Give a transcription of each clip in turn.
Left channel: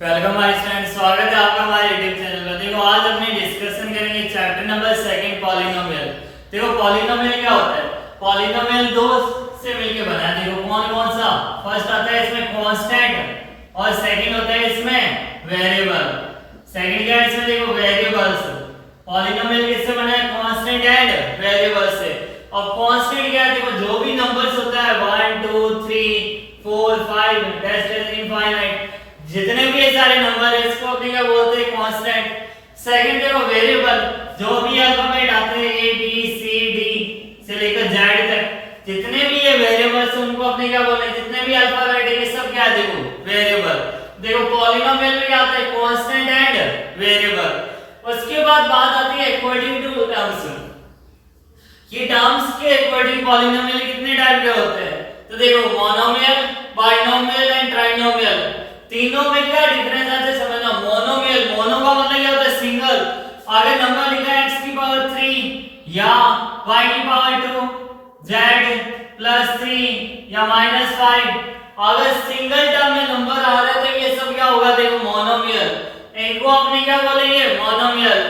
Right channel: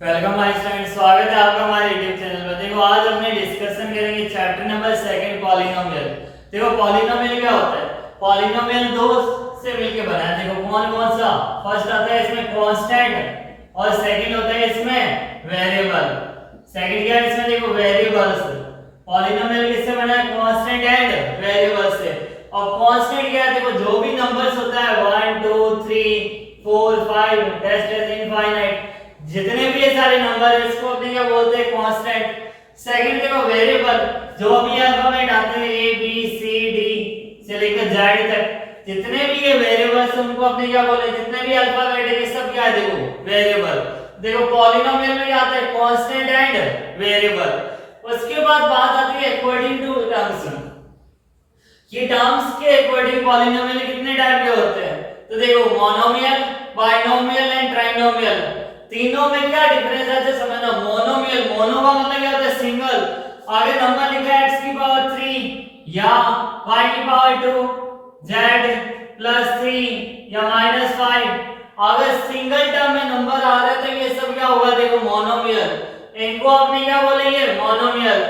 Welcome my student, स्वागत है आपका हमारे यूट्यूब चैनल पर। देखो आज अपने डिस्कशन करेंगे चैप्टर नंबर 2 पॉलिनोमियल। देखो पॉलिनोमियल क्या होता है? पॉलिनोमियल दो से मिलकर बना है। देखो कौन कौन सा? फर्स्ट आता है इसमें कांस्टेंट और सेकंड होता है इसमें वेरिएबल। सेकंड क्या है इसमें? देखो वेरिएबल्स। पॉलिनोमियल किससे बना है? कांस्टेंट एंड वेरिएबल से। और कांस्टेंट क्या है? देखो जो भी नंबर्स होता है 1 2 3 4 5 डैश इनफाइनाइट, जितने भी ये सारे नंबर है इसको अपने क्या बोलते हैं? कांस्टेंट। सेकंड देखो वेरिएबल, जो भी अल्फाबेट आते हैं ए बी सी डी से लेकर जेड तक, जितने भी ये वेरिएबल्स हैं उनको अपने क्या बोलते हैं? जितने भी अल्फाबेट है ये सब क्या है? देखो वेरिएबल। देखो पॉलिनोमियल में क्या आता है? Constant and variable. उसके बाद बात आती है अकॉर्डिंग टू टर्म्स। ये टर्म्स के अकॉर्डिंग पॉलिनोमियल कितने टाइप के होते हैं? तो देखो मोनोमियल, बाइनोमियल एंड ट्राइनोमियल। तीनों में क्या डिफरेंस है समझना। मोनोमियल, मोनो का मतलब क्या होता है? सिंगल। आगे नंबर लिखा है x की पावर 3 या y की पावर 2 z प्लस 3 या -5। अगर सिंगल टर्म में नंबर आ रहा है तो ये सब क्या होगा? देखो मोनोमियल। इनको आपने क्या बोलेंगे? मोनोमियल।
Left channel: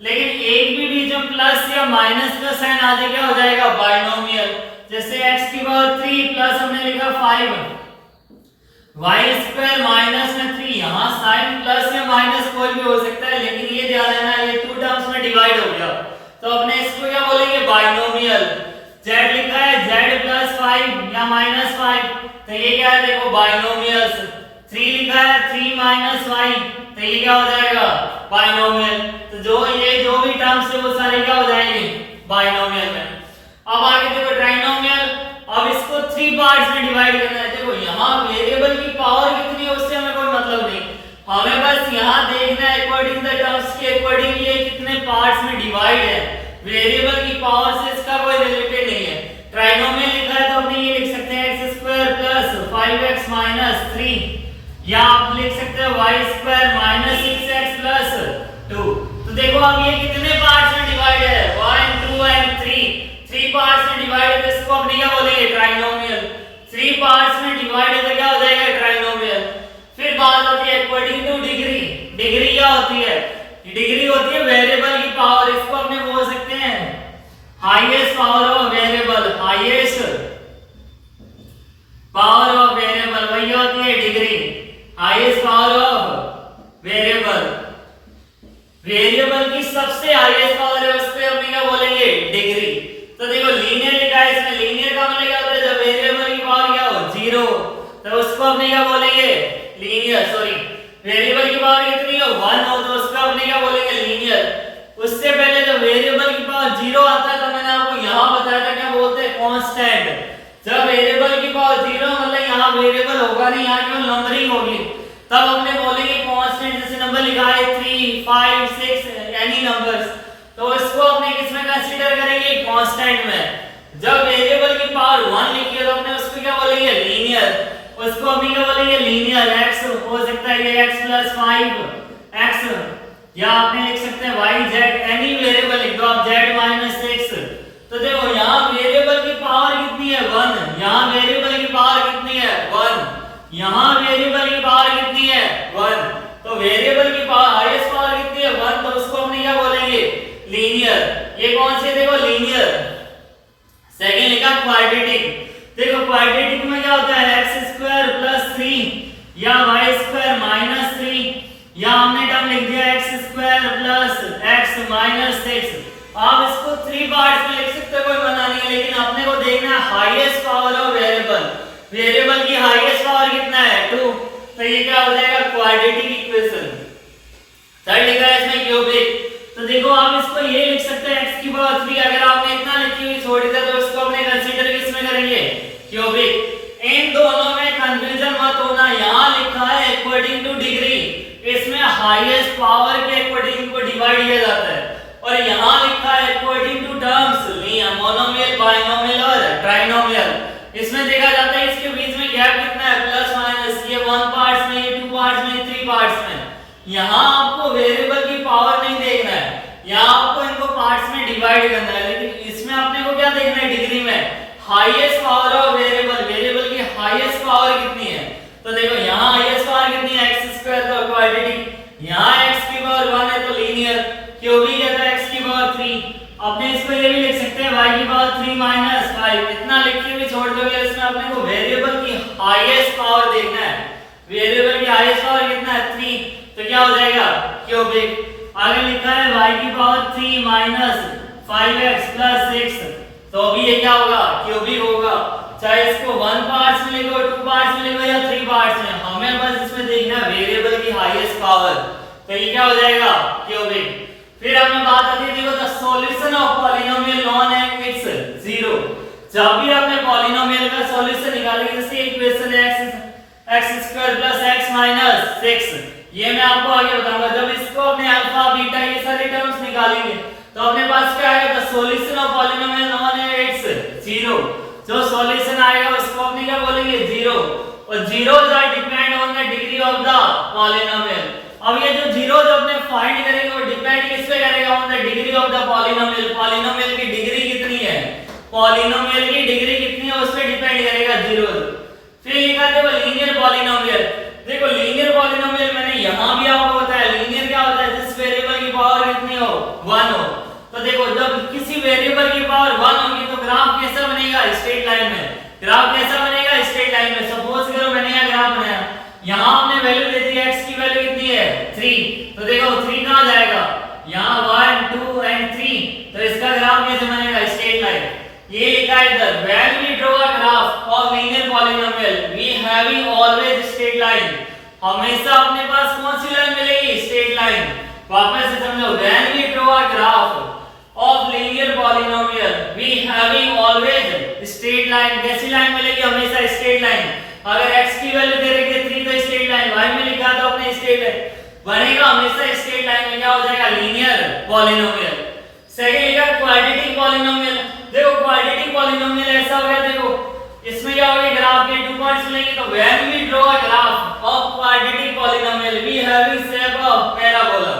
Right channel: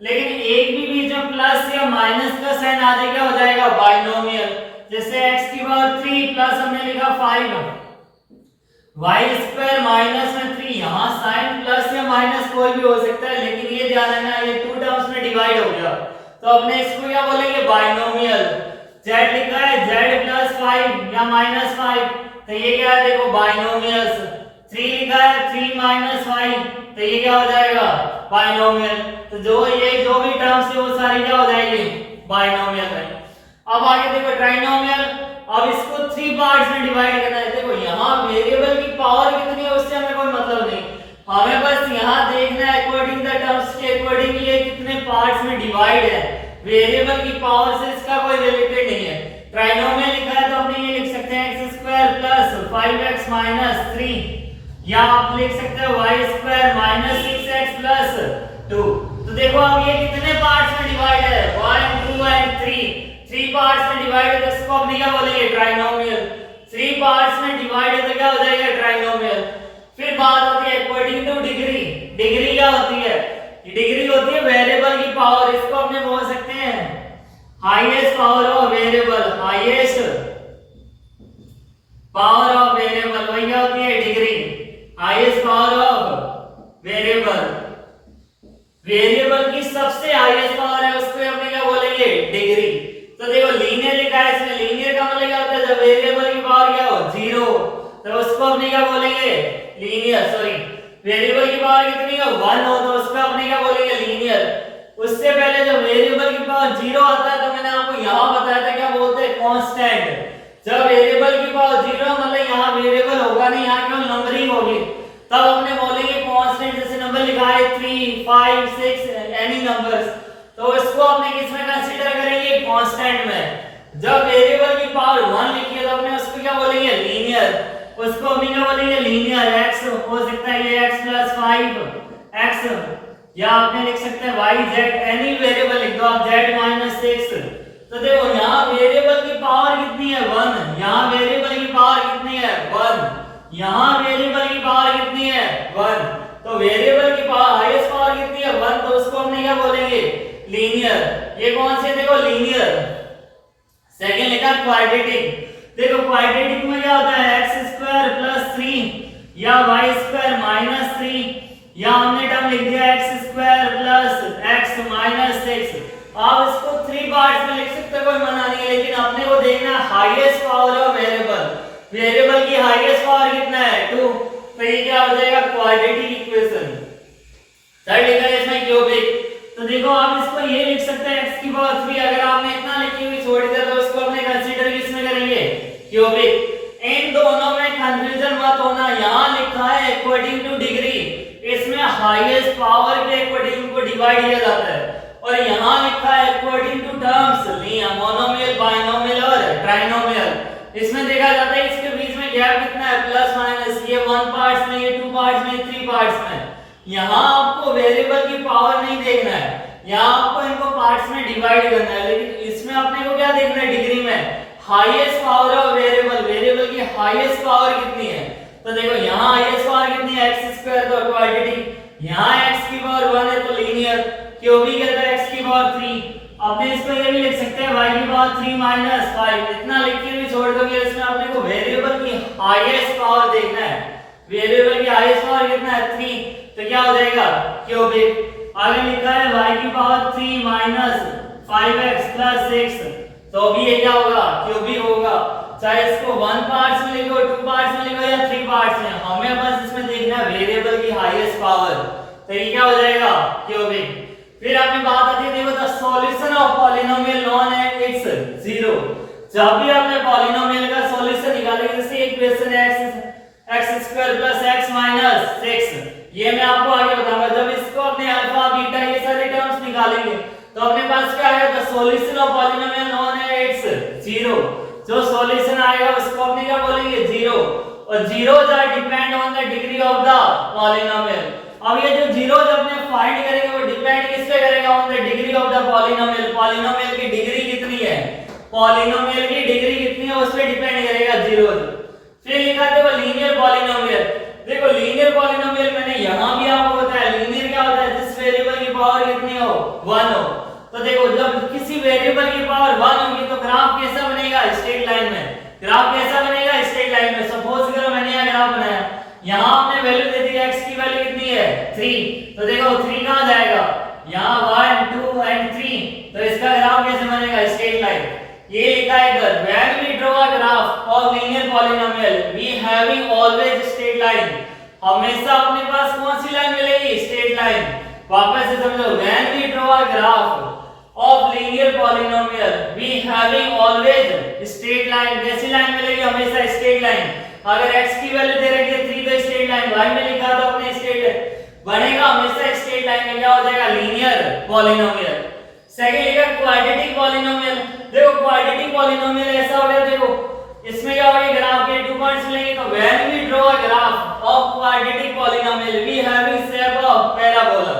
लेकिन एक भी बीच में प्लस या माइनस का साइन आ जाए क्या हो जाएगा? बाइनोमियल। जैसे x की पावर 3 प्लस हमने लिखा 5 y स्क्वायर माइनस में 3, यहाँ साइन प्लस या माइनस कोई भी हो सकता है, लेकिन ये ध्यान रखना ये टू टर्म्स में डिवाइड हो गया तो अपने इसको क्या बोलेंगे? बाइनोमियल। z लिखा है z प्लस 5 या माइनस 5 तो ये क्या है? देखो बाइनोमियल्स। 3 लिखा है 3 माइनस 5 तो ये क्या हो जाएगा? बाइनोमियल। तो जो भी टर्म्स है वो सारे क्या हो जाएंगे? बाइनोमियल में। अब आगे देखो ट्राइनोमियल। अब इसको 3 पार्ट्स में डिवाइड करना है। देखो यहाँ वेरिएबल की पावर कितनी है उससे हमें कोई मतलब नहीं, हमें बस यहाँ देखना है अकॉर्डिंग द टर्म्स के अकॉर्डिंग ये कितने पार्ट्स में डिवाइड है। वेरिएबल की पावर से इसका कोई रिलेटेड नहीं है। ट्राइनोमियल लिखा है तो अपने ये लिख सकते हैं x square plus 5x minus 3 या आप लिख सकते हैं y square minus 6x plus 2। तो देखो अब ये कितने पार्ट्स में डिवाइड है? 1 2 एंड 3 पार्ट्स में डिवाइड है तो इसको अपने क्या बोलेंगे? ट्राइनोमियल। 3 पार्ट्स में डिवाइड है तो क्या हो जाएगा? ट्राइनोमियल। फिर बात होती है अकॉर्डिंग टू डिग्री। डिग्री क्या होती है? डिग्री होती है वेरिएबल की पावर। इसको अपने बोल सकते हैं highest power of variable. Highest power of variable वही होती है degree. Highest power of variable, variable की सबसे हाईएस्ट पावर है उसको अपने क्या बोलेंगे? डिग्री। तो देखो लीनियर लिखा है इसमें, लीनियर का मतलब क्या होता है? जब वेरिएबल की पावर क्या हो? 0 तो उसको अपने क्या बोलेंगे? लीनियर। सॉरी, वेरिएबल की पावर कितनी है? 1 हो तो उसको अपने क्या बोलेंगे? लीनियर। उससे पहले जब वेरिएबल की पावर 0 आता है तो मैंने आपको यहाँ बताया था क्या बोलते हैं? कांस्टेंट। जब वेरिएबल की पावर 0 मतलब यहाँ वेरिएबल होगा नहीं, यहाँ केवल नंबरिंग होगी, तब अपने बोलेंगे कांस्टेंट। जैसे नंबर लिखा है 3 5 6 एनी नंबर्स तो इसको अपने किसमें कंसीडर करेंगे? कांस्टेंट में। जब वेरिएबल की पावर 1 लिखी है तो अपने उसको क्या बोलेंगे? लीनियर। उसको अपने क्या बोलेंगे? लीनियर। x हो सकता है ये x प्लस 5 x या आपने लिख सकते हैं y z, एनी वेरिएबल लिख दो आप, z माइनस 6। तो देखो यहाँ वेरिएबल की पावर कितनी है? 1। यहाँ वेरिएबल की पावर कितनी है? 1। यहाँ वेरिएबल की पावर कितनी है? 1। तो वेरिएबल की पावर हाईएस्ट पावर कितनी है? 1। तो उसको हमने क्या बोलेंगे? लीनियर। ये कौन से? देखो लीनियर। सेकंड लिखा क्वाड्रेटिक। देखो क्वाड्रेटिक में क्या होता है? x स्क्वायर प्लस 3 या y स्क्वायर माइनस 3 या हमने टर्म लिख दिया x square plus x minus 6। आप इसको 3 पार्ट्स में लिख सकते हो, कोई मना नहीं है, लेकिन अपने को देखना है highest power of variable. Variable की हाईएस्ट पावर कितना है? 2। तो ये क्या हो जाएगा? Quadratic equation. थर्ड लिखा है इसमें क्यूबिक। तो देखो आप इसको ये लिख सकते हैं x की पावर 3। अगर आपने इतना लिखी हुई छोड़ दिया तो इसको अपने कंसीडर किसमें करेंगे? क्यूबिक। इन दोनों में कंफ्यूजन मत होना। यहाँ लिखा है अकॉर्डिंग टू डिग्री, इसमें हाईएस्ट पावर के अकॉर्डिंग को डिवाइड किया जाता है, और यहाँ लिखा है according to terms, monomial binomial और ट्राइनोमियल। इसमें देखा जाता है इसके बीच में गैप कितना है? Plus minus. ये 1 पार्ट्स में, ये 2 पार्ट्स में, 3 पार्ट्स में। यहाँ आपको वेरिएबल की पावर नहीं देखना है, यहाँ आपको इनको पार्ट्स में डिवाइड करना है। लेकिन इसमें अपने को क्या देखना है? डिग्री में highest power of variable. Variable की हाईएस्ट पावर कितनी है? तो देखो यहाँ हाईएस्ट पावर कितनी है? x square. तो इसको ये भी लिख सकते हैं y की पावर 3 माइनस 5, इतना लिख के भी छोड़ दोगे, इसमें अपने को वेरिएबल की हाईएस्ट पावर देखना है। वेरिएबल की हाईएस्ट पावर कितना है 3, तो क्या हो जाएगा क्यूबिक। आगे लिखा है y की पावर 3 माइनस 5x प्लस 6, तो अभी ये क्या होगा क्यूबिक होगा। चाहे इसको 1 पार्ट्स में लिखो, 2 पार्ट्स में लिखो या 3 पार्ट्स में, हमें बस इसमें देखना है वेरिएबल की हाईएस्ट पावर, तो ये क्या हो जाएगा क्यूबिक। फिर हमने बात आती है, देखो the solution of polynomial known है इट्स 0। जब भी आपने पॉलिनोमियल का सॉल्यूशन निकालेंगे, जैसे इक्वेशन x² + x - 6, ये मैं आपको आगे बताऊंगा। जब इसको अपने अल्फा बीटा ये सारे टर्म्स निकालेंगे तो अपने पास क्या आएगा, the solution of polynomial known है इट्स 0। जो सॉल्यूशन आएगा उसको अपने क्या बोलेंगे 0, और 0 depend on the degree of the polynomial. अब ये जो 0 जो अपने फाइंड करेंगे वो डिपेंड किस पे करेगा, on the degree of the polynomial. Polynomial की डिग्री कितनी है, पॉलिनोमियल की डिग्री कितनी है उस पे डिपेंड करेगा 0। फिर लिखा देखो लीनियर पॉलिनोमियल। देखो लीनियर पॉलिनोमियल मैंने यहां भी आपको बताया, लीनियर क्या होता है, जिस वेरिएबल की पावर कितनी हो 1 हो। तो देखो जब किसी वेरिएबल की पावर 1 होगी तो ग्राफ कैसा बनेगा, स्ट्रेट लाइन में। ग्राफ कैसा बनेगा, स्ट्रेट लाइन में। सपोज करो मैंने यह ग्राफ बनाया, यहां हमने वैल्यू दे दी x की वैल्यू कितनी है 3, तो देखो 3 कहां जाएगा, यहां 1 2 एंड 3, तो इसका ग्राफ कैसे बनेगा, स्ट्रेट लाइन। ये लिखा है इधर, when we draw a graph of linear polynomial we having always straight line. हमेशा अपने पास कौन सी लाइन मिलेगी, स्ट्रेट लाइन। वापस से समझो, when we draw a graph of linear polynomial we having always straight line. कैसी लाइन मिलेगी, हमेशा स्ट्रेट लाइन। अगर x की वैल्यू दे रखी है 3 तो स्ट्रेट लाइन, y में लिखा तो अपने स्ट्रेट लाइन बनेगा, हमेशा स्ट्रेट लाइन में क्या हो जाएगा, लीनियर पॉलिनोमियल। सेकंड लिखा क्वाड्रेटिक पॉलिनोमियल। देखो क्वाड्रेटिक पॉलिनोमियल ऐसा हो गया, देखो इसमें क्या होगा, ग्राफ के 2 पॉइंट्स मिलेंगे, तो when we draw a graph of quadratic polynomial we having shape of parabola.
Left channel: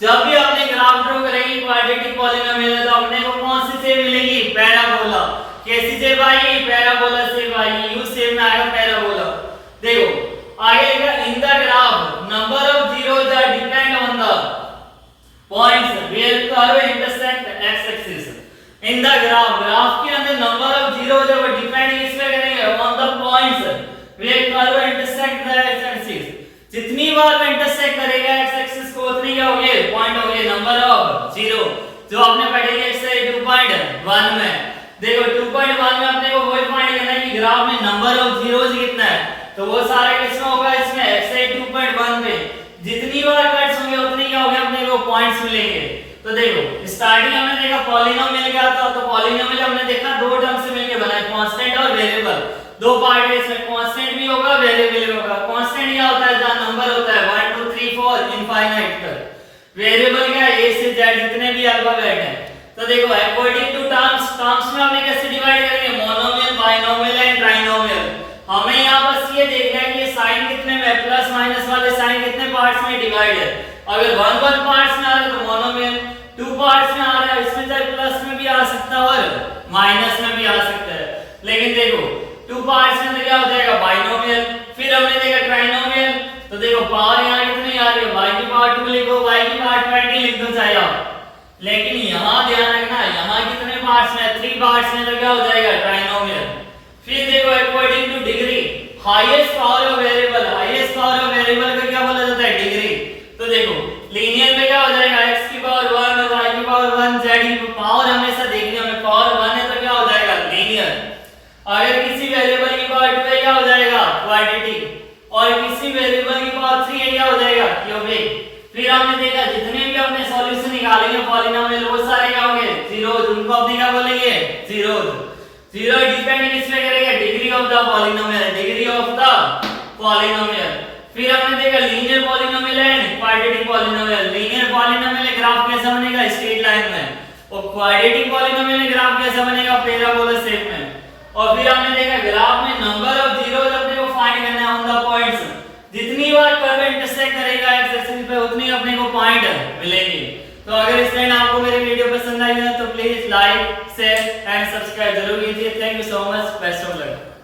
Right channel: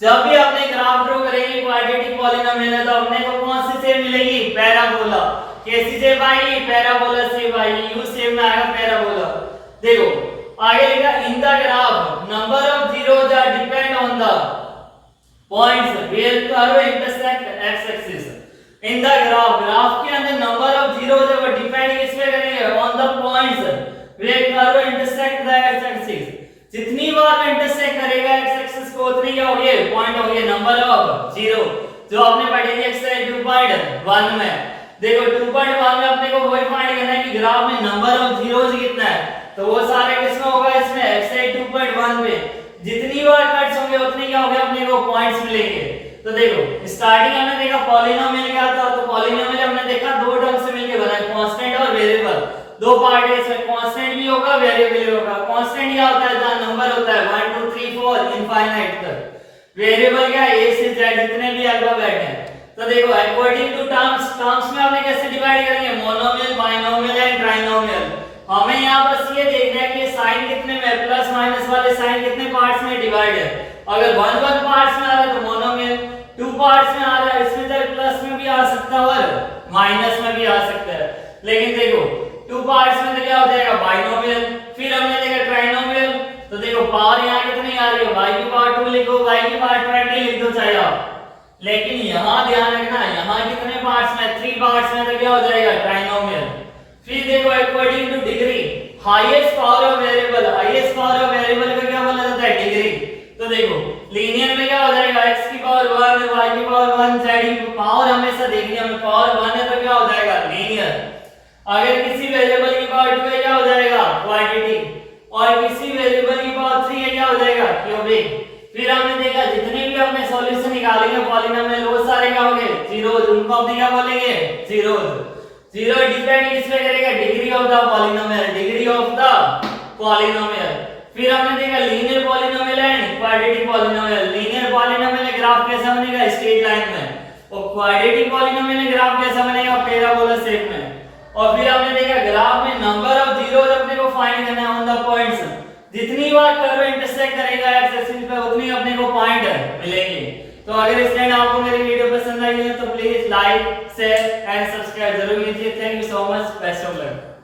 जब भी अपने ग्राफ ड्रॉ करेंगे क्वाड्रेटिक पॉलिनोमियल है तो अपने को कौन सी शेप मिलेगी, पैराबोला। कैसी शेप आएगी, पैराबोला शेप आएगी, यू शेप में आएगा पैराबोला। देखो आगे लिखा, in the graph number of zeros are depend on the points where curve intersect X axis. In the graph, graph के अंदर नंबर ऑफ जीरोस है वो डिपेंड किस पे करेंगे, on the points where curve intersect the X axis. जितनी बार वो इंटरसेक्ट करेगा एक्स एक्सिस को उतनी क्या होगी, पॉइंट होगी, नंबर ऑफ जीरो। जो आपने पढ़ेंगे एक्सरसाइज 2.1 में। देखो 2.1 में अपने को वही फाइंड करना है कि ग्राफ में नंबर ऑफ जीरोस कितना है, तो वो सारे किसमें होगा, इसमें एक्सरसाइज 2.1 में। जितनी बार कट्स होंगे उतनी क्या होगी, अपने को पॉइंट्स मिलेंगे। तो देखो स्टार्टिंग हमने देखा पॉलिनोमियल क्या था, तो पॉलिनोमियल हमने देखा दो टर्म से मिलके बना है, कांस्टेंट और वेरिएबल। दो पार्ट है इसमें, कांस्टेंट भी होगा वेरिएबल भी होगा। कांस्टेंट क्या होता है, जहां नंबर होता है 1 2 3 4 इनफाइनाइट तक। वेरिएबल क्या है, a से z जितने भी अल्फाबेट हैं। तो देखो अकॉर्डिंग टू टर्म्स में हमने कैसे डिवाइड करेंगे, मोनोमियल बाइनोमियल एंड ट्राइनोमियल। हमें यहां बस ये देखना है कि साइन कितने में, प्लस माइनस वाले साइन कितने पार्ट्स में डिवाइड है। अगर 1 1 पार्ट्स में आ रहा है तो मोनोमियल, 2 पार्ट्स में आ रहा है इसमें चाहे प्लस में भी आ सकता है और माइनस में भी आ सकता है। लेकिन देखो 2 पार्ट्स में तो क्या हो जाएगा, बाइनोमियल। फिर हमने देखा ट्राइनोमियल, तो देखो पावर यहां कितनी आ रही है, y की पावर 2 लिखो, y की पावर 20 लिख दो चाहे आप। लेकिन यहां ध्यान रखना, यहां कितने पार्ट्स में, 3 पार्ट्स में, तो क्या हो जाएगा ट्राइनोमियल। फिर देखो according to degree, highest power of variable, highest power of variable का क्या बोला जाता है, डिग्री। तो देखो लीनियर में क्या हो जाएगा, x की पावर 1 है, y की पावर 1, z की पावर हमेशा देखनी है हमें, पावर 1 है तो क्या हो जाएगा लीनियर। अगर किसी वेरिएबल की पावर 2 है क्या हो जाएगा क्वाड्रेटिक, और किसी वेरिएबल की पावर 3 है क्या हो जाएगा क्यूबिक। फिर हमने देखा जितने भी अपने सॉल्यूशन निकालेंगे पॉलिनोमियल वो सारे क्या होंगे जीरोस, उनको अपने क्या बोलेंगे जीरोस। जीरो डिपेंड किस पे करेगा, degree of the polynomial, degree of the polynomial. फिर हमने देखा linear polynomial and quadratic polynomial. Linear polynomial graph कैसा बनेगा, स्ट्रेट लाइन में, और क्वाड्रेटिक पॉलिनोमियल ग्राफ कैसा बनेगा, पैराबोला शेप में। और फिर हमने देखा ग्राफ में नंबर ऑफ जीरोस अपने को फाइंड करना है ऑन द पॉइंट्स। जितनी बार कर्व इंटरसेक्ट करेगा एक्स एक्सिस पे उतनी अपने को पॉइंट मिलेंगे। तो अगर इस लाइन आपको मेरी वीडियो पसंद आई है तो please like share and subscribe जरूर कीजिए। Thank you so much, best of luck.